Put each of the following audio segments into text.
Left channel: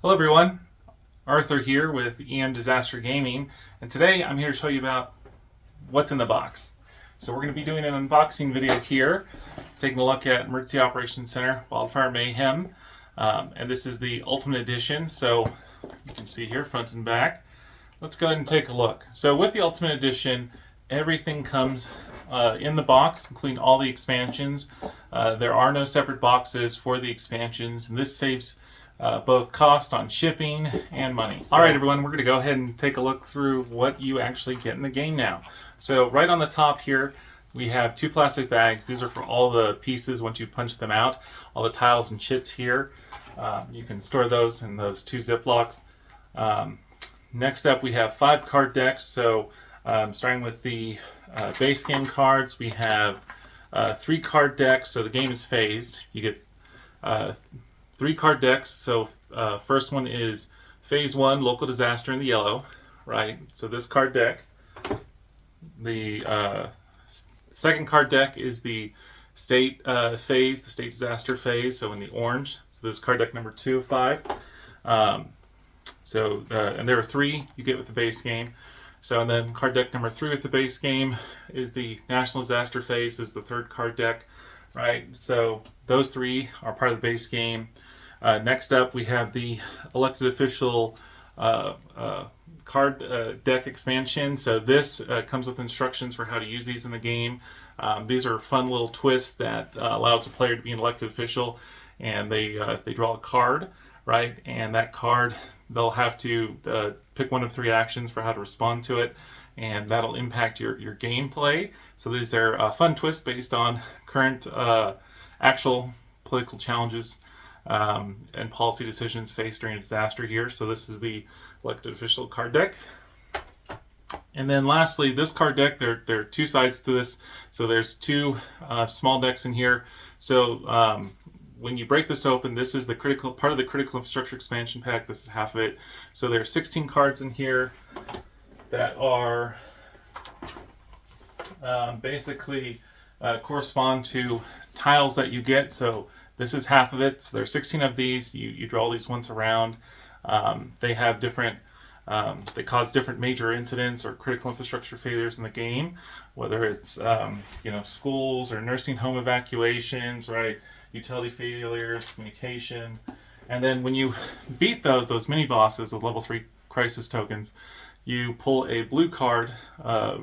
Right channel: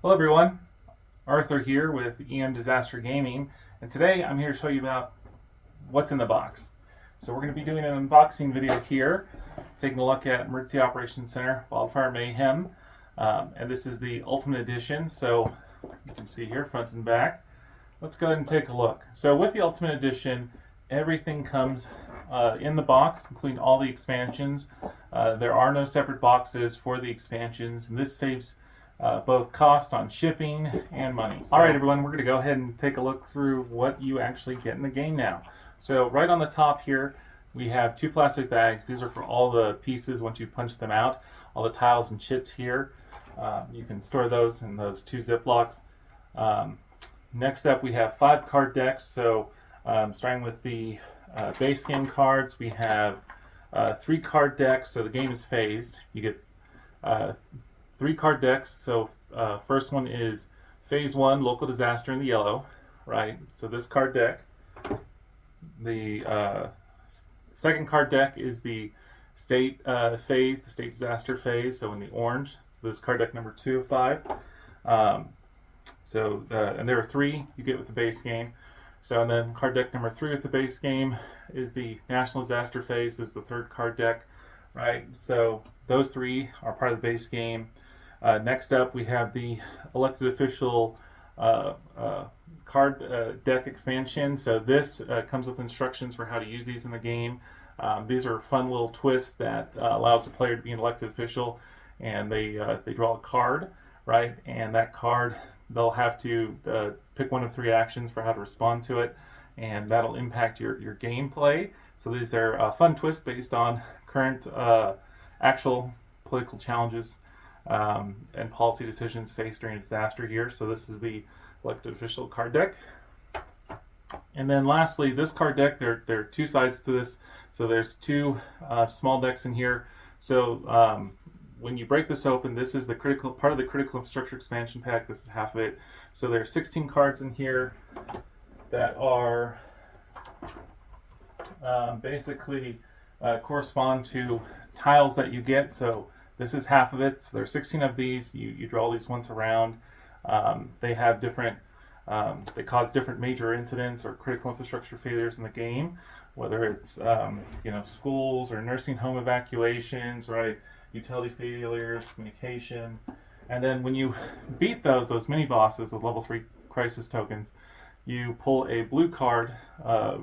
Hello everyone, Arthur here with EM Disaster Gaming, and today I'm here to show you about what's in the box. So we're going to be doing an unboxing video here, taking a look at Emergency Operations Center Wildfire Mayhem, and this is the Ultimate Edition, so you can see here front and back. Let's go ahead and take a look. So with the Ultimate Edition, everything comes in the box, including all the expansions. There are no separate boxes for the expansions, and this saves both cost on shipping and money. So, all right, everyone, we're going to go ahead and take a look through what you actually get in the game now. So right on the top here, we have two plastic bags. These are for all the pieces once you punch them out. All the tiles and chits here. You can store those in those two Ziplocs. Next up, we have 5 card decks. So starting with the base game cards, we have 3 card decks. So the game is phased. You get 3 card decks. So first one is phase 1, local disaster in the yellow, right? So this card deck. The second card deck is the state phase, the state disaster phase, so in the orange. So this is card deck number 2 of 5. And there are 3 you get with the base game. So and then card deck number 3 with the base game is the national disaster phase. This is the third card deck, right? So those 3 are part of the base game. Next up, we have the elected official card deck expansion. So this comes with instructions for how to use these in the game. These are fun little twists that allows the player to be an elected official, and they draw a card, right? And that card, they'll have to pick one of 3 actions for how to respond to it, and that'll impact your gameplay. So these are fun twists based on current actual political challenges and policy decisions faced during a disaster here. So this is the elected official card deck. And then lastly, this card deck, there are 2 sides to this. So there's 2 small decks in here. So when you break this open, this is the critical part of the critical infrastructure expansion pack. This is half of it. So there are 16 cards in here that are basically correspond to tiles that you get. So this is half of it. So there are 16 of these. You draw these once around. They have different, they cause different major incidents or critical infrastructure failures in the game, whether it's schools or nursing home evacuations, right? Utility failures, communication. And then when you beat those mini bosses, the level 3 crisis tokens, you pull a blue card, a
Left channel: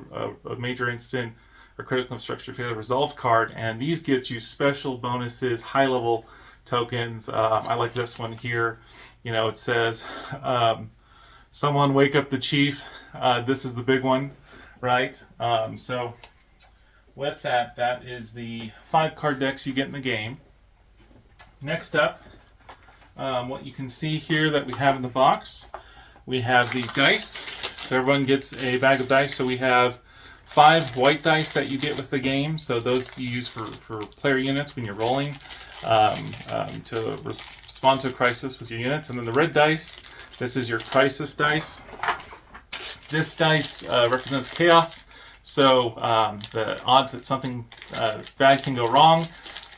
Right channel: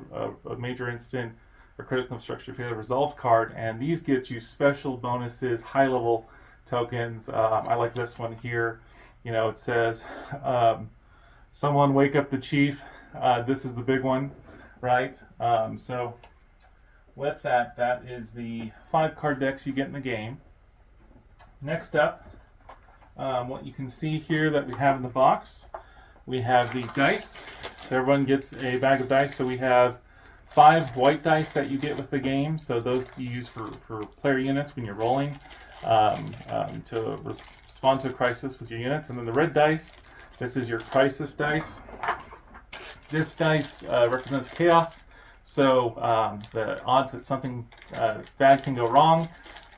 major incident or critical infrastructure failure resolved card, and these get you special bonuses, high level tokens. I like this one here. It says, someone wake up the chief. This is the big one, right? So with that, that is the 5 card decks you get in the game. Next up, what you can see here that we have in the box, we have the dice. So everyone gets a bag of dice. So we have 5 white dice that you get with the game. So those you use for player units when you're rolling to respond to a crisis with your units. And then the red dice, this is your crisis dice. This dice represents chaos. So the odds that something bad can go wrong,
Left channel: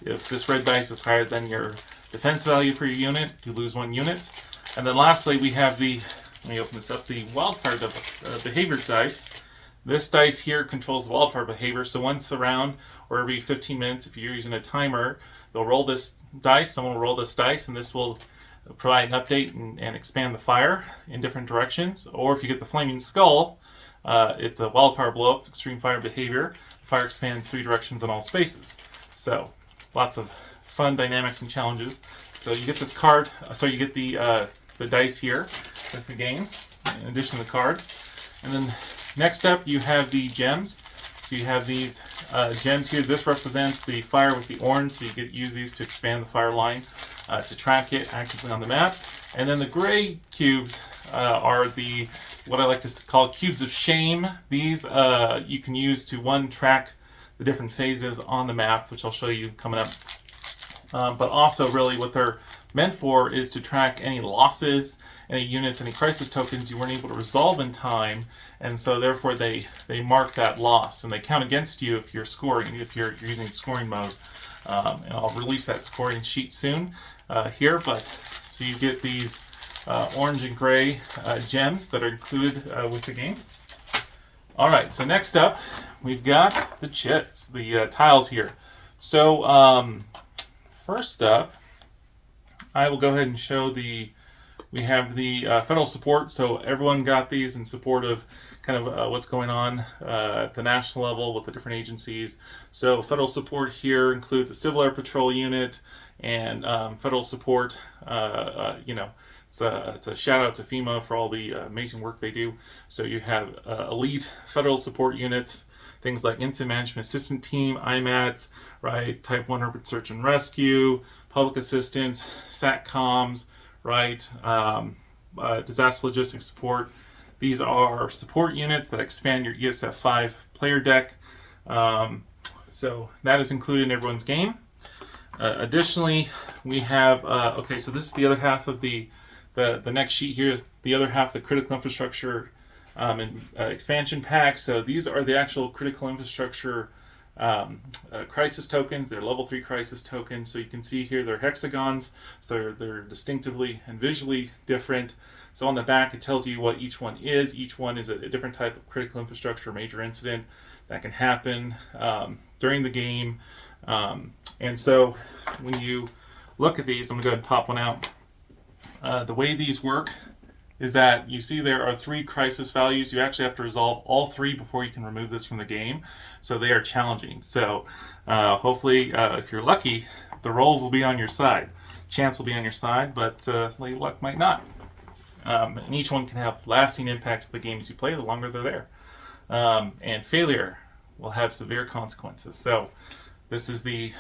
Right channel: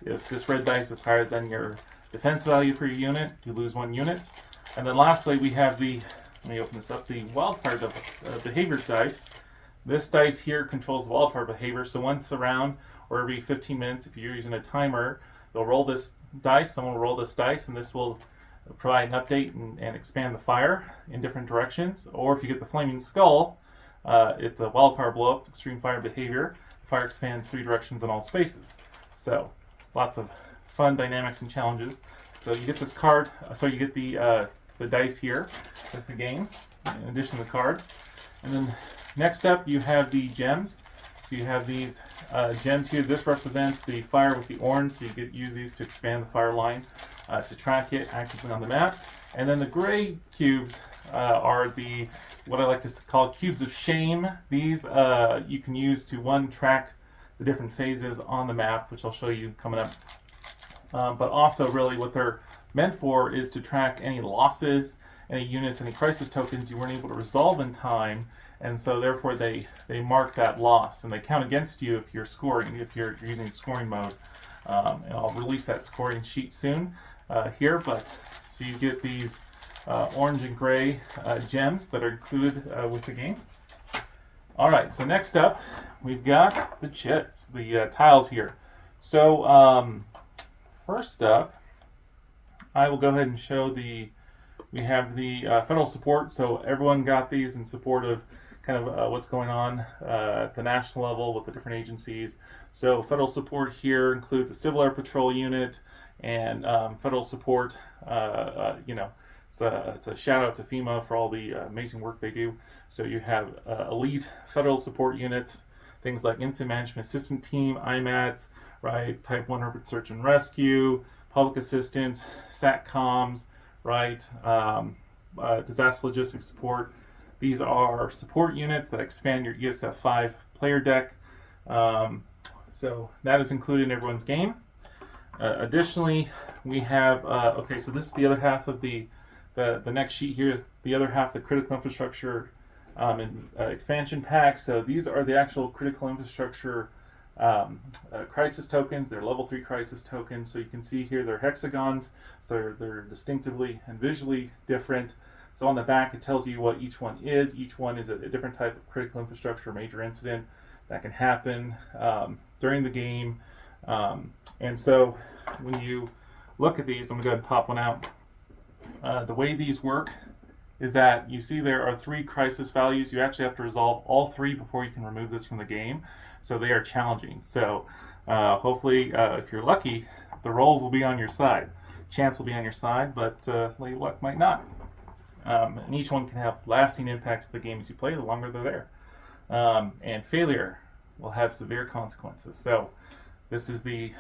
if this red dice is higher than your defense value for your unit, you lose 1 unit. And then lastly, we have the, let me open this up, the wildfire behavior dice. This dice here controls the wildfire behavior. So once a round or every 15 minutes, if you're using a timer, you'll roll this dice, someone will roll this dice, and this will provide an update and expand the fire in different directions. Or if you get the flaming skull, it's a wildfire blow-up, extreme fire behavior. The fire expands 3 directions in all spaces. So lots of fun dynamics and challenges. So you get this card, you get the dice here with the game, in addition to the cards. And then next up, you have the gems. So you have these gems here. This represents the fire with the orange, so you use these to expand the fire line, to track it actively on the map. And then the gray cubes are what I like to call cubes of shame. These you can use to track the different phases on the map, which I'll show you coming up. But also really what they're meant for is to track any losses, any units, any crisis tokens you weren't able to resolve in time, and so therefore they mark that loss, and they count against you if you're scoring, if you're using scoring mode. And I'll release that scoring sheet soon here, but so you get these orange and gray gems that are included with the game. All right, so next up, we've got the chits, the tiles here. So first up, I will go ahead and show we have the federal support. So everyone got these in support of kind of what's going on at the national level with the different agencies. So federal support here includes a Civil Air Patrol unit and federal support. It's a shout out to FEMA for all the amazing work they do. So you have elite federal support units, things like Incident Management Assistant Team, IMATs, right? Type 1 Urban Search and Rescue, Public Assistance, SATCOMs, right? Disaster Logistics Support. These are support units that expand your ESF 5 player deck. So that is included in everyone's game. Additionally, we have, okay, so this is the other half of the next sheet here is the other half, the critical infrastructure and expansion pack. So these are the actual critical infrastructure crisis tokens. They're level 3 crisis tokens. So you can see here they're hexagons. So they're distinctively and visually different. So on the back it tells you what each one is. Each one is a different type of critical infrastructure major incident that can happen during the game. And so when you look at these, I'm going to go ahead and pop one out. The way these work is that you see there are 3 crisis values. You actually have to resolve all 3 before you can remove this from the game. So they are challenging. So hopefully, if you're lucky, the rolls will be on your side. Chance will be on your side, but late luck might not. And each one can have lasting impacts to the games you play the longer they're there. And failure will have severe consequences. So this is the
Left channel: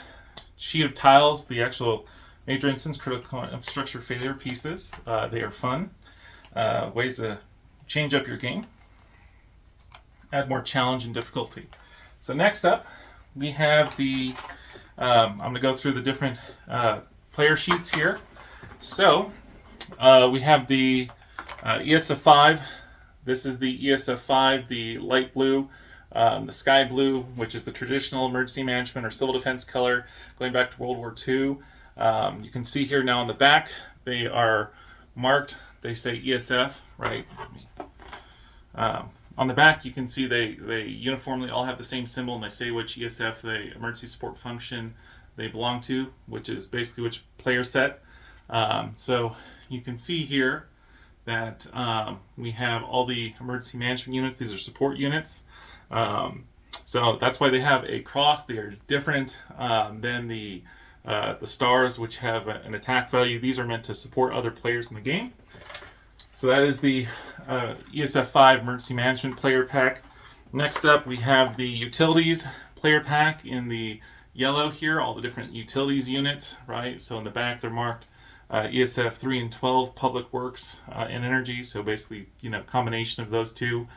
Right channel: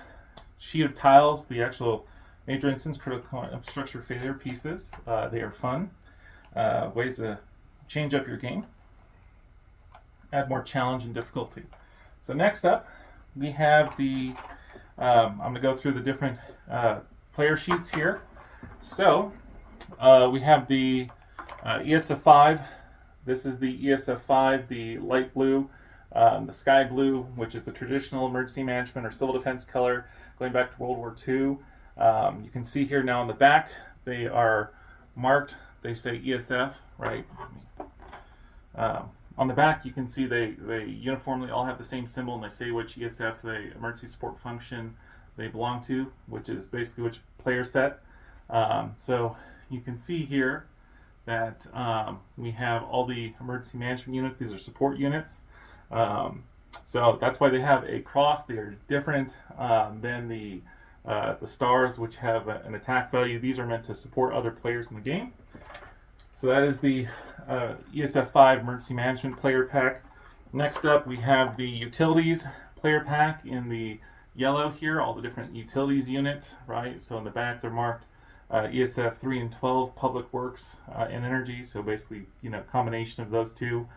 sheet of tiles, the actual major instance critical infrastructure failure pieces. They are fun. Ways to change up your game, add more challenge and difficulty. So next up, we have the, I'm going to go through the different player sheets here. So we have the ESF 5. This is the ESF 5, the light blue, the sky blue, which is the traditional emergency management or civil defense color going back to World War II. You can see here now on the back, they are marked. They say ESF, right? On the back, you can see they uniformly all have the same symbol, and they say which ESF, the emergency support function, they belong to, which is basically which player set. So you can see here that we have all the emergency management units. These are support units. So that's why they have a cross. They are different than the stars, which have an attack value. These are meant to support other players in the game. So that is the ESF 5 Emergency Management Player Pack. Next up, we have the Utilities Player Pack in the yellow here, all the different utilities units, right? So in the back, they're marked ESF 3 and 12, Public Works and Energy. So basically, combination of those two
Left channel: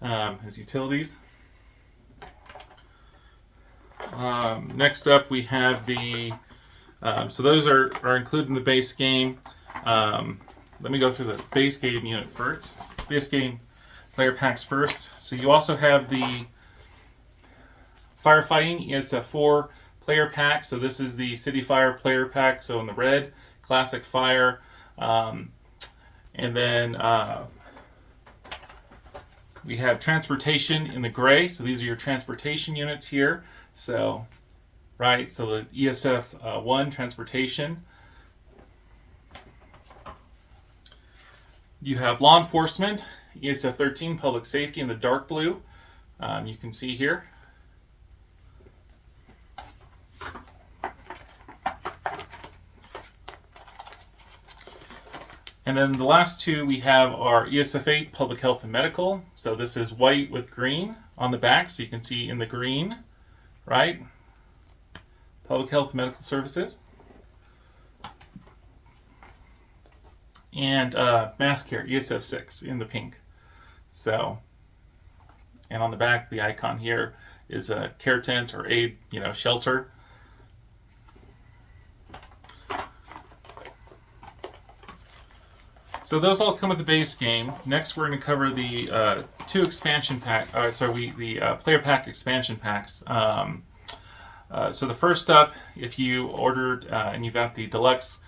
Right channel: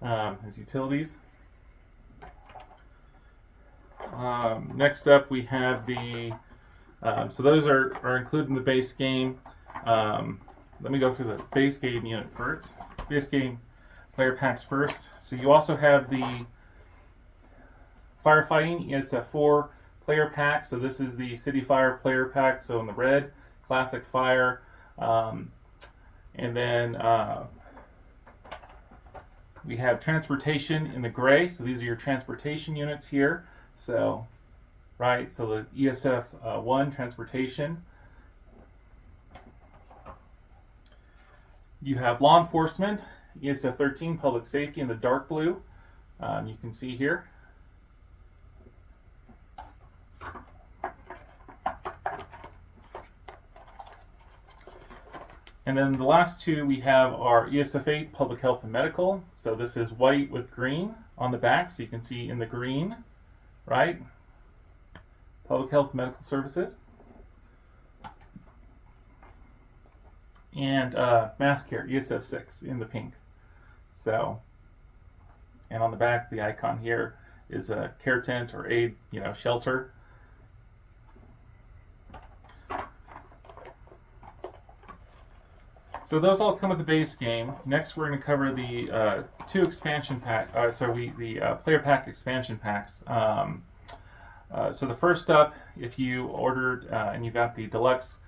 as utilities. Next up, we have the so those are included in the base game. Let me go through the base game unit first. Base game player packs first. So you also have the Firefighting ESF 4 player pack. So this is the City Fire player pack. So in the red, Classic Fire. And then we have Transportation in the gray. So these are your transportation units here. So, right, so the ESF 1 Transportation. You have Law Enforcement, ESF 13 Public Safety in the dark blue. You can see here. And then the last two we have are ESF 8 Public Health and Medical. So this is white with green on the back, so you can see in the green, right? Public Health and Medical Services. And Mass Care, ESF 6 in the pink. So, and on the back, the icon here is a care tent or aid, shelter. So those all come with the base game. Next, we're going to cover the two expansion pack. The player pack expansion packs. So the first up, if you ordered and you got the deluxe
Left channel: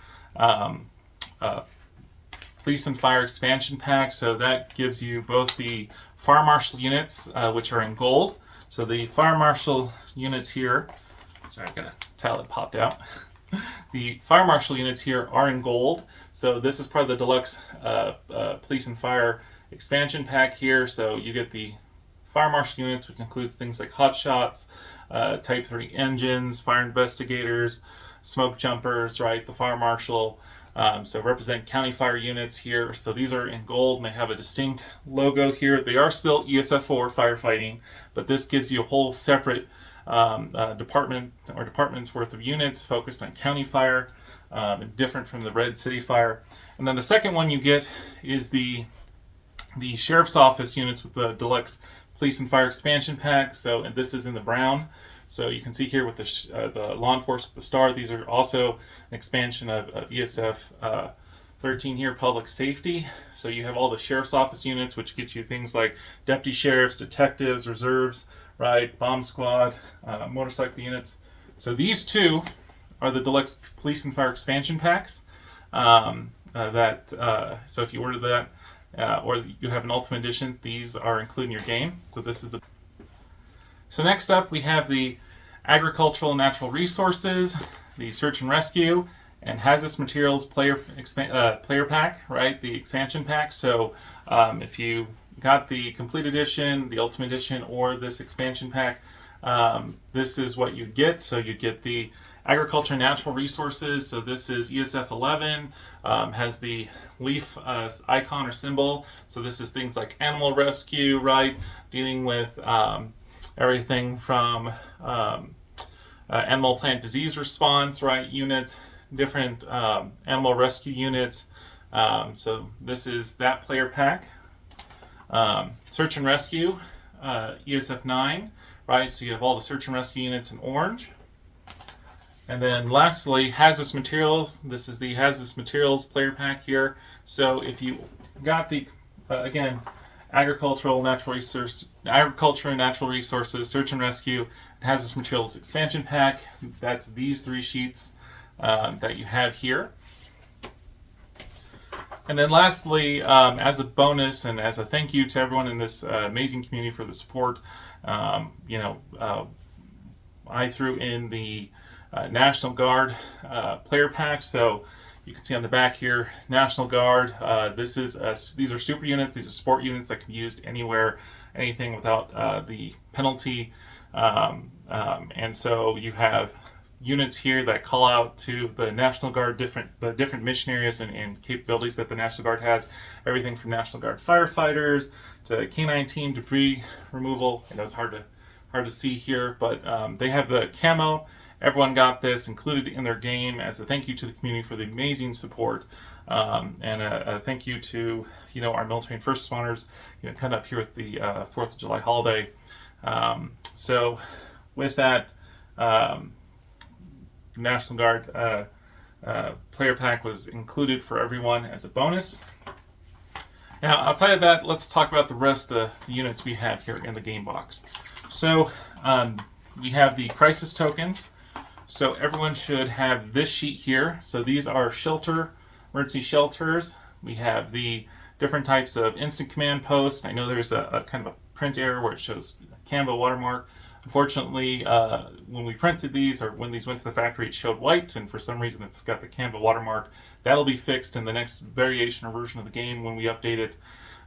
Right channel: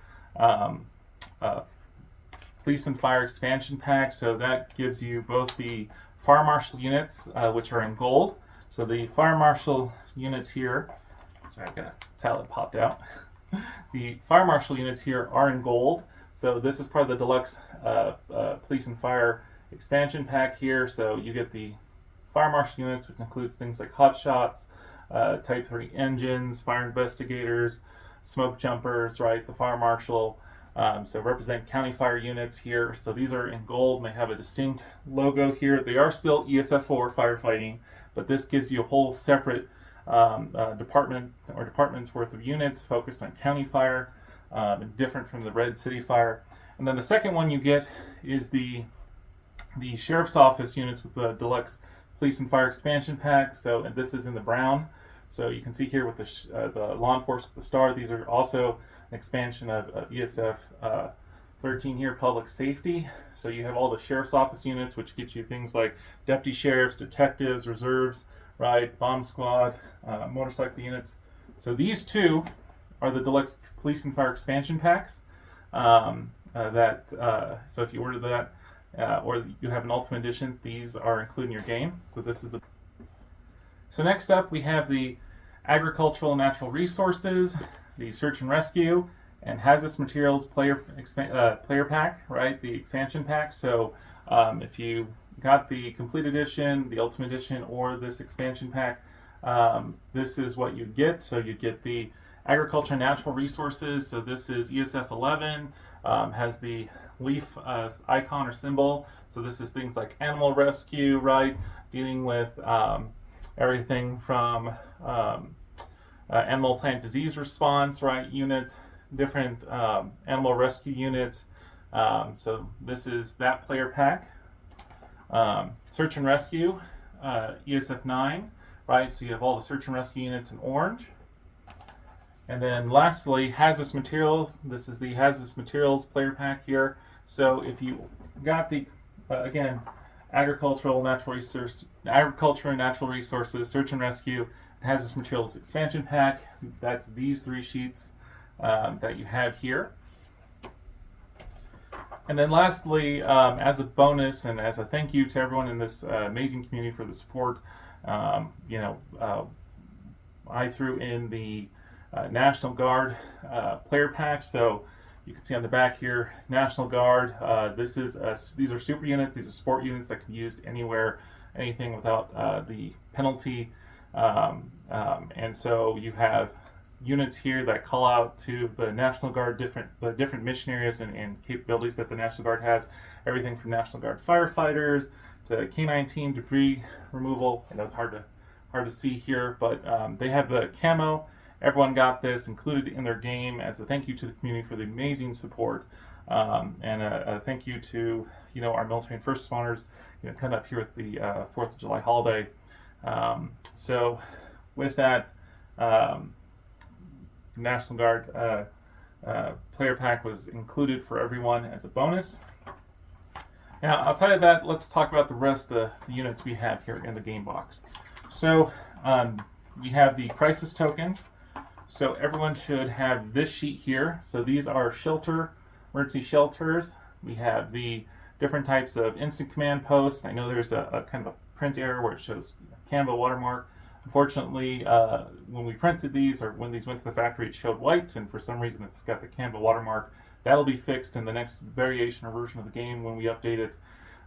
Police and Fire expansion pack. So that gives you both the Fire Marshal units, which are in gold. So the Fire Marshal units here, sorry, I got a towel that popped out. The Fire Marshal units here are in gold. So this is part of the deluxe Police and Fire expansion pack here. So you get the Fire Marshal units, which includes things like hot shots, Type 30 engines, fire investigators, smoke jumpers, right? The Fire Marshal. So represent county fire units here. So these are in gold and they have a distinct logo here. They are still ESF4 firefighting, but this gives you a whole separate department or department's worth of units focused on county fire, and different from the Red City Fire. And then the second one you get is the Sheriff's Office units with the deluxe Police and Fire expansion pack. So, and this is in the brown. So you can see here with the law enforcement, the star, these are also an expansion of ESF 13 here, public safety. So you have all the Sheriff's Office units, which get you things like deputy sheriffs, detectives, reserves, right, bomb squad, motorcycle units. So these two are the deluxe Police and Fire expansion packs. So if you order that, or you have an Ultimate Edition, these are included in your game. So this is the. So next up, we have the Agricultural and Natural Resources, the Search and Rescue, and Hazardous Materials player pack, right? The expansion pack. So if you got the Complete Edition, the Ultimate Edition, or this expansion pack, this is what you get. So you get the Agriculture and Natural Resources. So this is ESF 11, has the leaf icon or symbol. So this is things like animal rescue, right? Dealing with everything from animal plant disease response, right? Units, different animal rescue units. So this is that player pack. Search and Rescue, ESF 9, right? So you have all the Search and Rescue units in orange. And then lastly, Hazardous Materials. This is the Hazardous Materials player pack here. So if you got the, again, Agriculture and Natural Resources, Search and Rescue, Hazardous Materials expansion pack, that's these three sheets that you have here. And then lastly, as a bonus and as a thank you to everyone in this amazing community for the support, I threw in the National Guard player pack. So you can see on the back here, National Guard. These are super units. These are sport units that can be used anywhere, anything without the penalty. And so you have units here that call out to the National Guard, the different mission areas and capabilities that the National Guard has. Everything from National Guard firefighters to K9 team debris removal. And that's hard to see here, but they have the camo. Everyone got this included in their game as a thank you to the community for the amazing support, and a thank you to our military and first responders coming up here with the 4th of July holiday. So with that, National Guard player pack was included for everyone as a bonus. Now outside of that, let's talk about the rest of the units we have here in the game box. So we have the crisis tokens. So everyone should have this sheet here. So these are emergency shelters. We have the different types of instant command posts. I know there's a kind of a print error where it shows Canva watermark. Unfortunately, when we printed these or when these went to the factory, it showed white, and for some reason it's got the Canva watermark. That'll be fixed in the next variation or version of the game when we update it.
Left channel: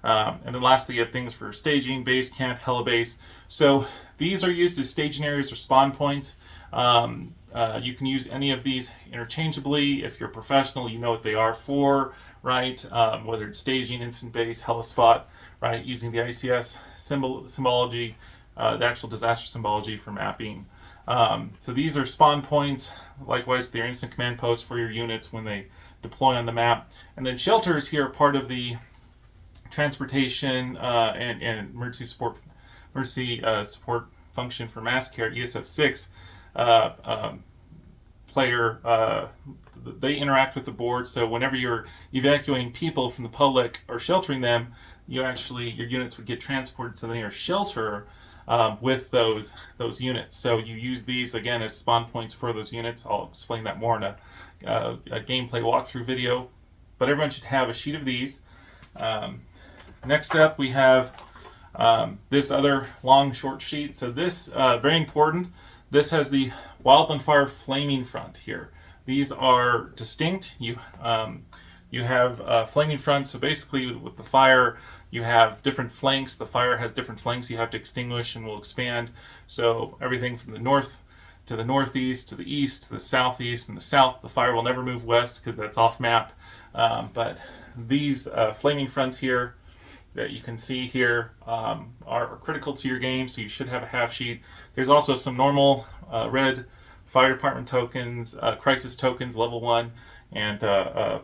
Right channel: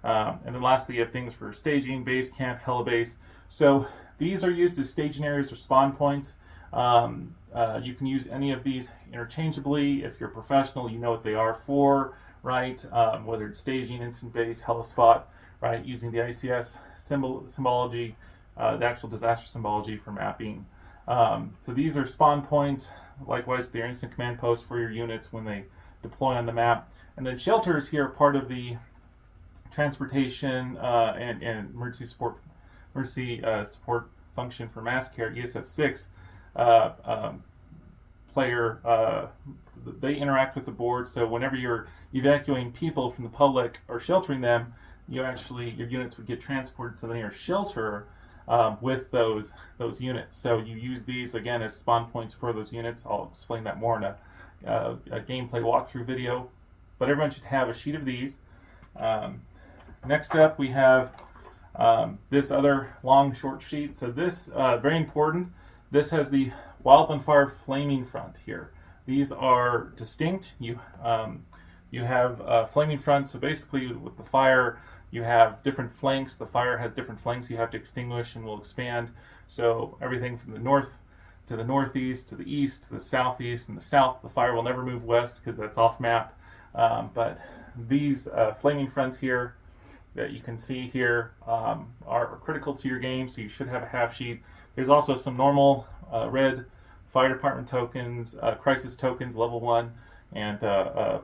And then lastly, you have things for staging, base camp, helibase. So these are used as staging areas or spawn points. You can use any of these interchangeably. If you're a professional, you know what they are for, right? Whether it's staging, instant base, helispot, right? Using the ICS symbology, the actual disaster symbology for mapping. So these are spawn points. Likewise, they're instant command posts for your units when they deploy on the map. And then shelters here are part of the transportation and emergency support function for mass care, ESF 6. Player, they interact with the board. So whenever you're evacuating people from the public or sheltering them, your units would get transported to the nearest shelter with those units. So you use these again as spawn points for those units. I'll explain that more in a gameplay walkthrough video. but everyone should have a sheet of these. Next up, we have this other long short sheet. So this, very important, this has the Wildfire Flaming front here. These are distinct. You have flaming front, so basically with the fire, you have different flanks. The fire has different flanks you have to extinguish and will expand. So everything from the north to the northeast, to the east, to the southeast, and the south, the fire will never move west because that's off map. But these flaming fronts here that you can see here are critical to your game, so you should have a half sheet. There's also some normal red fire department tokens, crisis tokens, level 1, and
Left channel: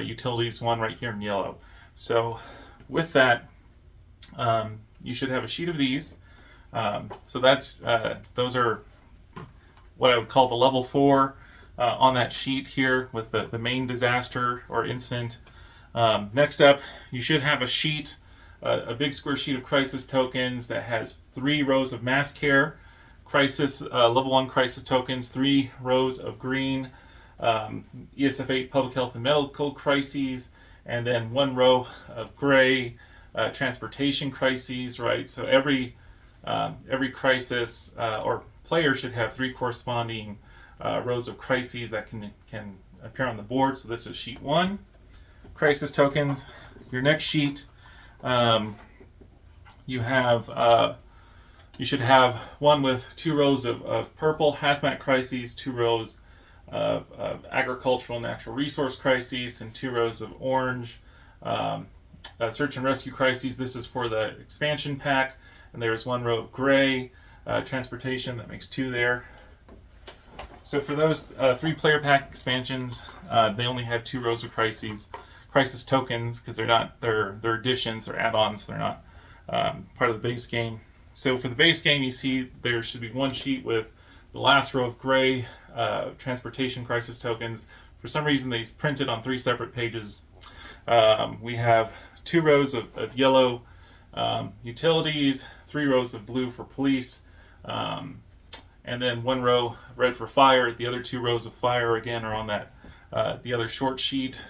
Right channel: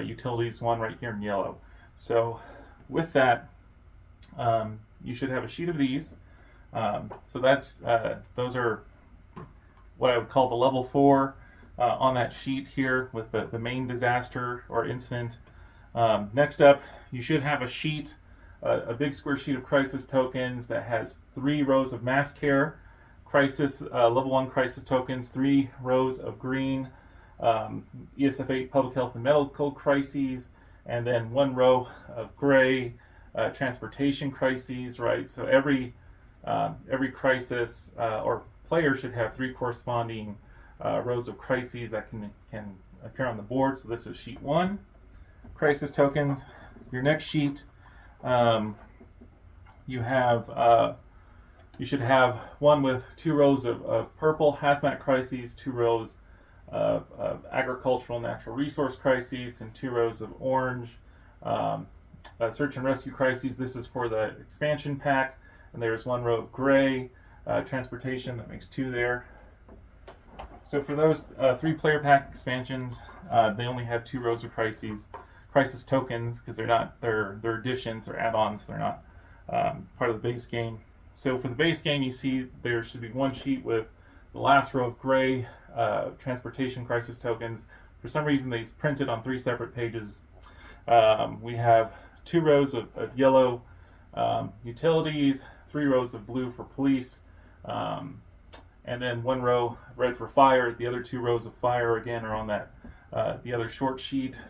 utilities 1 right here in yellow. So with that, you should have a sheet of these. So that's those are what I would call the level 4 on that sheet here with the main disaster or incident. Next up, you should have a sheet, a big square sheet of crisis tokens that has 3 rows of mass care, crisis level 1 crisis tokens, 3 rows of green ESF 8 public health and medical crises, and then 1 row of gray transportation crises. Right, so every crisis or player should have 3 corresponding rows of crises that can appear on the board. So this is sheet 1, crisis tokens. Your next sheet, you should have one with 2 rows of purple hazmat crises, 2 rows of agricultural natural resource crises, and 2 rows of orange search and rescue crises. This is for the expansion pack, and there's 1 row of gray transportation. That makes 2 there. So for those 3 player pack expansions, they only have 2 rows of crisis tokens because they're additions, they're add-ons, they're not part of the base game. So for the base game, you see there should be 1 sheet with the last row of gray transportation crisis tokens. For some reason, these printed on 3 separate pages. We have 2 rows of yellow utilities, 3 rows of blue for police, and then 1 row red for fire. The other 2 rows of fire again are on that the other short sheet.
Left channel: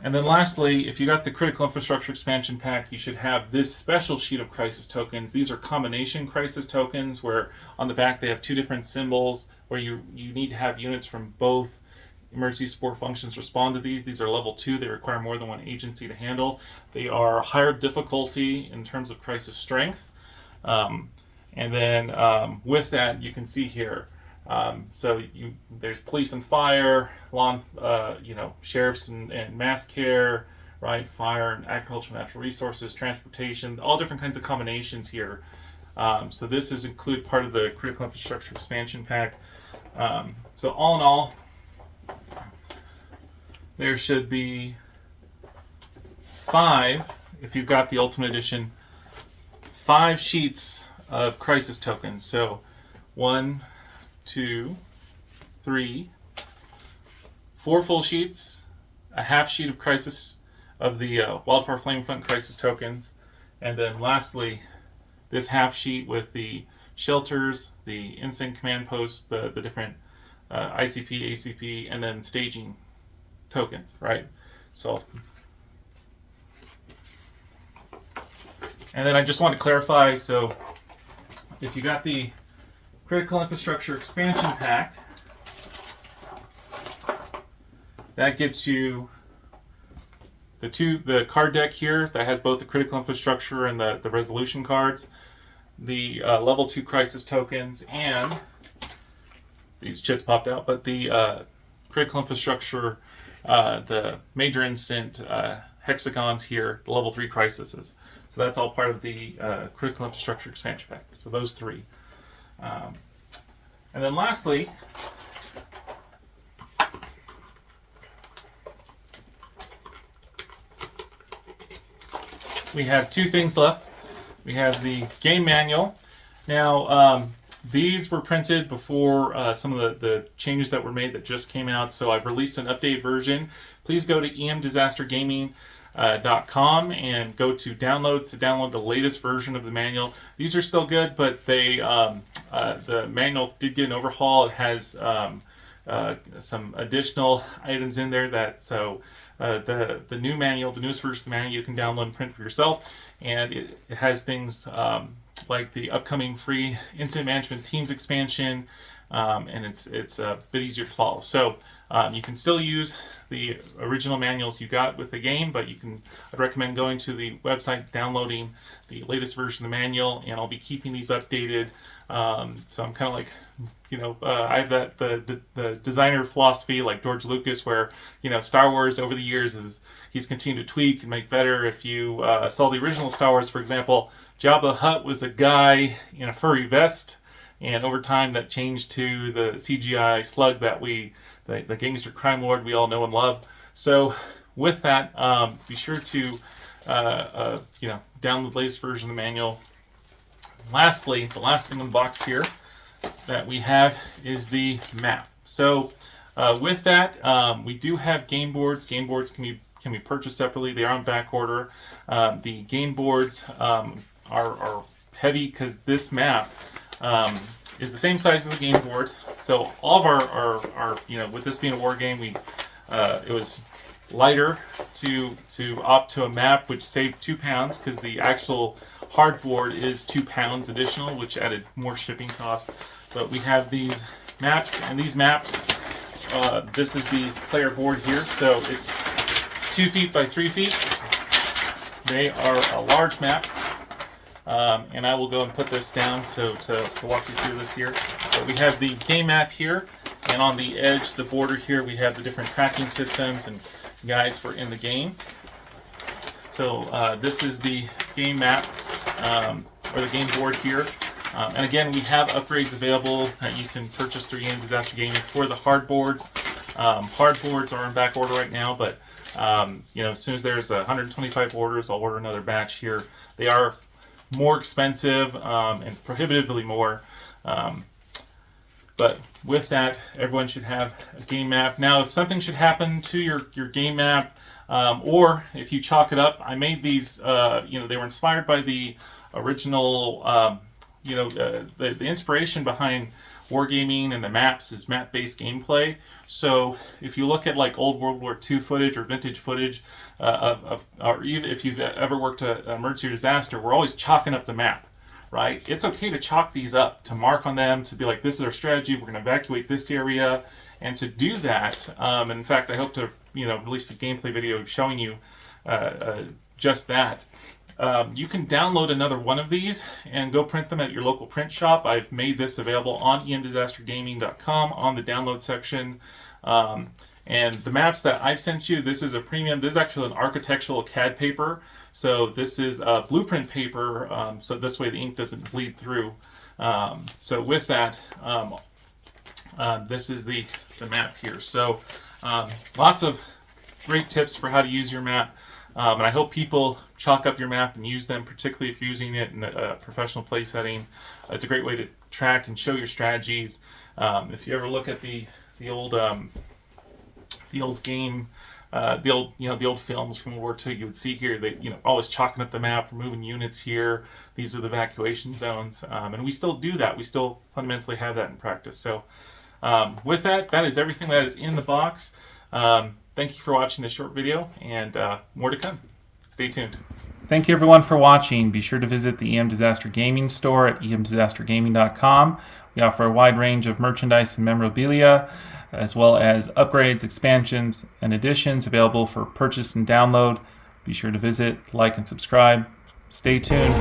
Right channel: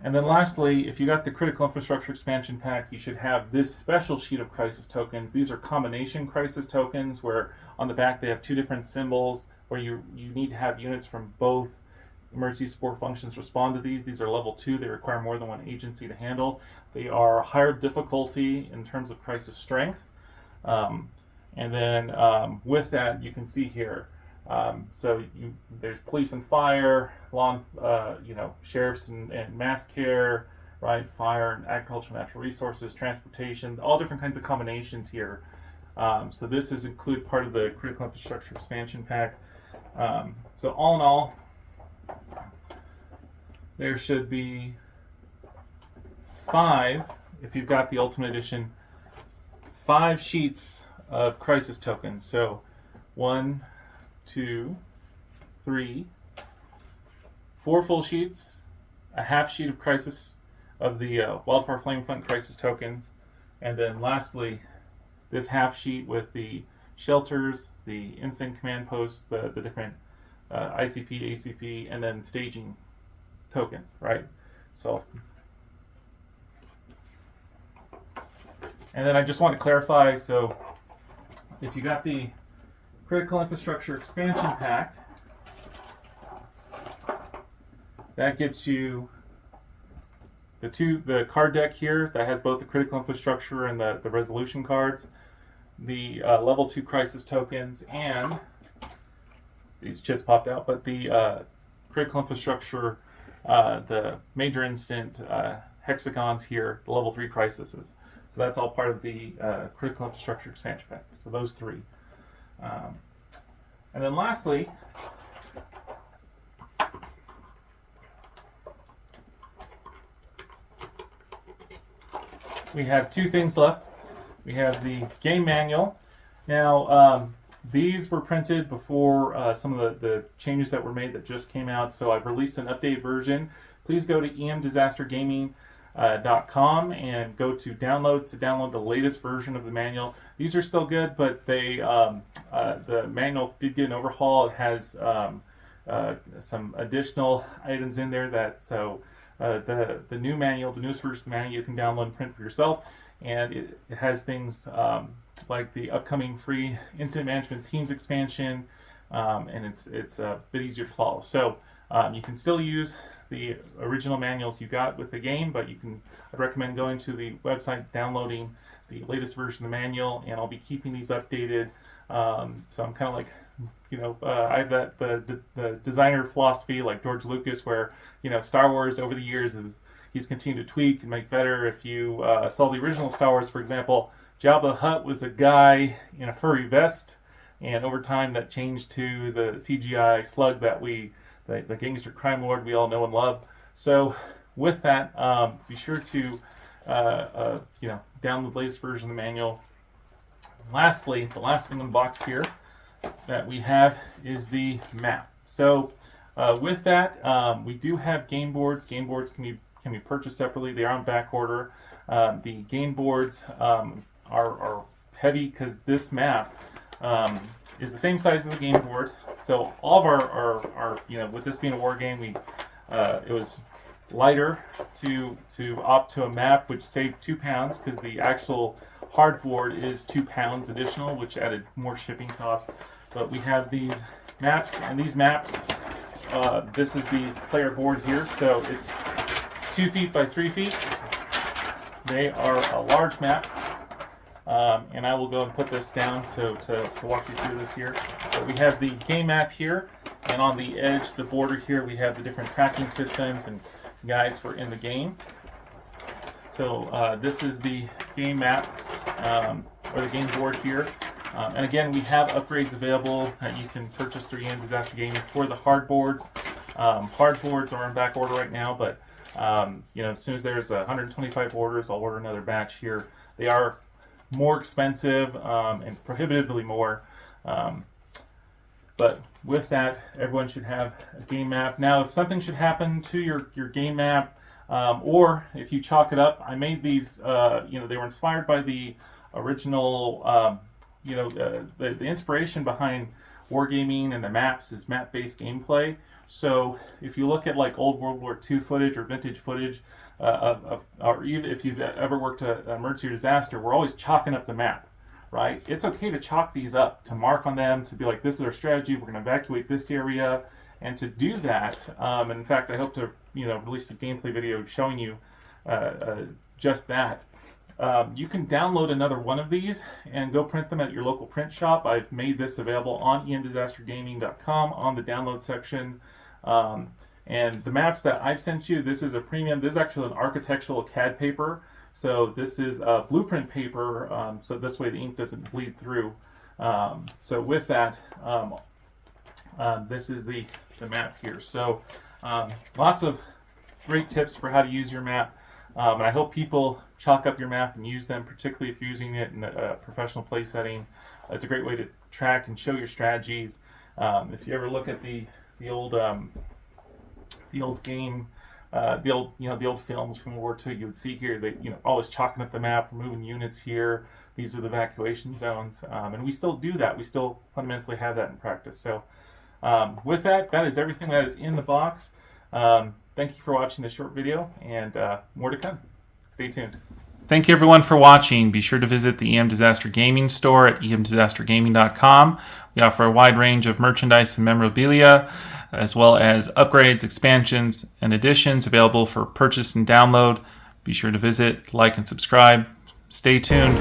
And then lastly, if you got the critical infrastructure expansion pack, you should have this special sheet of crisis tokens. These are combination crisis tokens where on the back they have 2 different symbols where you need to have units from both emergency support functions respond to these. These are level 2. They require more than 1 agency to handle. They are higher difficulty in terms of crisis strength. And then with that, you can see here, there's police and fire, sheriffs and mass care, right? Fire and agriculture, natural resources, transportation, all different kinds of combinations here. So this is include part of the critical infrastructure expansion pack. So all in all, there should be 5, if you've got the Ultimate Edition, 5 sheets of crisis tokens. So 1, 2, 3, 4 full sheets, a half sheet of crisis of the Wildfire Flame Front crisis tokens, and then lastly, this half sheet with the shelters, the instant command posts, the different ICP, ACP, and then staging tokens, right? So, and then I just want to clarify, so if you got the critical infrastructure expansion pack, that gets you the card deck here that has both the critical infrastructure and the resolution cards, the level 2 crisis tokens, and these chits popped out, but the critical infrastructure, the major instant hexagons here, the level 3 crises. So that's all part of the critical infrastructure expansion pack. So those 3. And then lastly, we have 2 things left. We have the game manual. Now, these were printed before some of the changes that were made that just came out, so I've released an updated version. Please go to emdisastergaming.com and go to downloads to download the latest version of the manual. These are still good, but the manual did get an overhaul. It has some additional items in there that the new manual, the newest version of the manual, you can download and print for yourself, and it has things like the upcoming free Incident Management Teams expansion, and it's a bit easier to follow. So you can still use the original manuals you got with the game, but I'd recommend going to the website, downloading the latest version of the manual, and I'll be keeping these updated. So I'm kind of like, I have the designer philosophy like George Lucas, where Star Wars over the years he's continued to tweak and make better. If you saw the original Star Wars, for example, Jabba the Hutt was a guy in a furry vest, and over time that changed to the CGI slug that the gangster crime lord we all know and love. So with that, be sure to download the latest version of the manual. Lastly, the last thing in the box here that we have is the map. So with that, we do have game boards. Game boards can be purchased separately. They are on back order. The game boards are heavy because this map is the same size as the game board. So all of our with this being a war game, it was lighter to opt to a map, which saved 2 pounds because the actual hardboard is 2 pounds additional, which added more shipping costs. But we have these maps, and these maps, this is the player board here, so it's 2 feet by 3 feet. They are a large map, and I will go and put this down to walk you through this here. But we have the game map here, and on the edge, the border here, we have the different tracking systems and guides for in the game. So this is the game map, or the game board here. And again, we have upgrades available that you can purchase through EM Disaster Gaming for the hardboards. Hardboards are in back order right now, but as soon as there's 125 orders, I'll order another batch here. They are more expensive and prohibitively more. But with that, everyone should have a game map. Now, if something should happen to your game map, or if you chalk it up, I made these, they were inspired by the original, the inspiration behind wargaming and the maps is map-based gameplay. So if you look at like old World War II footage or vintage footage, or even if you've ever worked an emergency or disaster, we're always chalking up the map, right? It's okay to chalk these up, to mark on them, to be like, this is our strategy, we're going to evacuate this area. And to do that, and in fact, I hope to release a gameplay video showing you just that. You can download another one of these and go print them at your local print shop. I've made this available on emdisastergaming.com on the download section. And the maps that I've sent you, this is a premium. This is actually an architectural CAD paper. So this is a blueprint paper, so this way the ink doesn't bleed through. So with that, this is the map here. So lots of great tips for how to use your map. And I hope people chalk up your map and use them, particularly if you're using it in a professional play setting. It's a great way to track and show your strategies. If you ever look at the old game, the old films from World War II, you would see here that always chalking up the map, moving units here. These are the evacuation zones, and we still do that. We still fundamentally have that in practice. So with that, that is everything that is in the box. Thank you for watching this short video, and more to come. Stay tuned. Thank you everyone for watching. Be sure to visit the EM Disaster Gaming store at emdisastergaming.com. We offer a wide range of merchandise and memorabilia, as well as upgrades, expansions, and additions available for purchase and download. Be sure to visit, like, and subscribe. Stay tuned.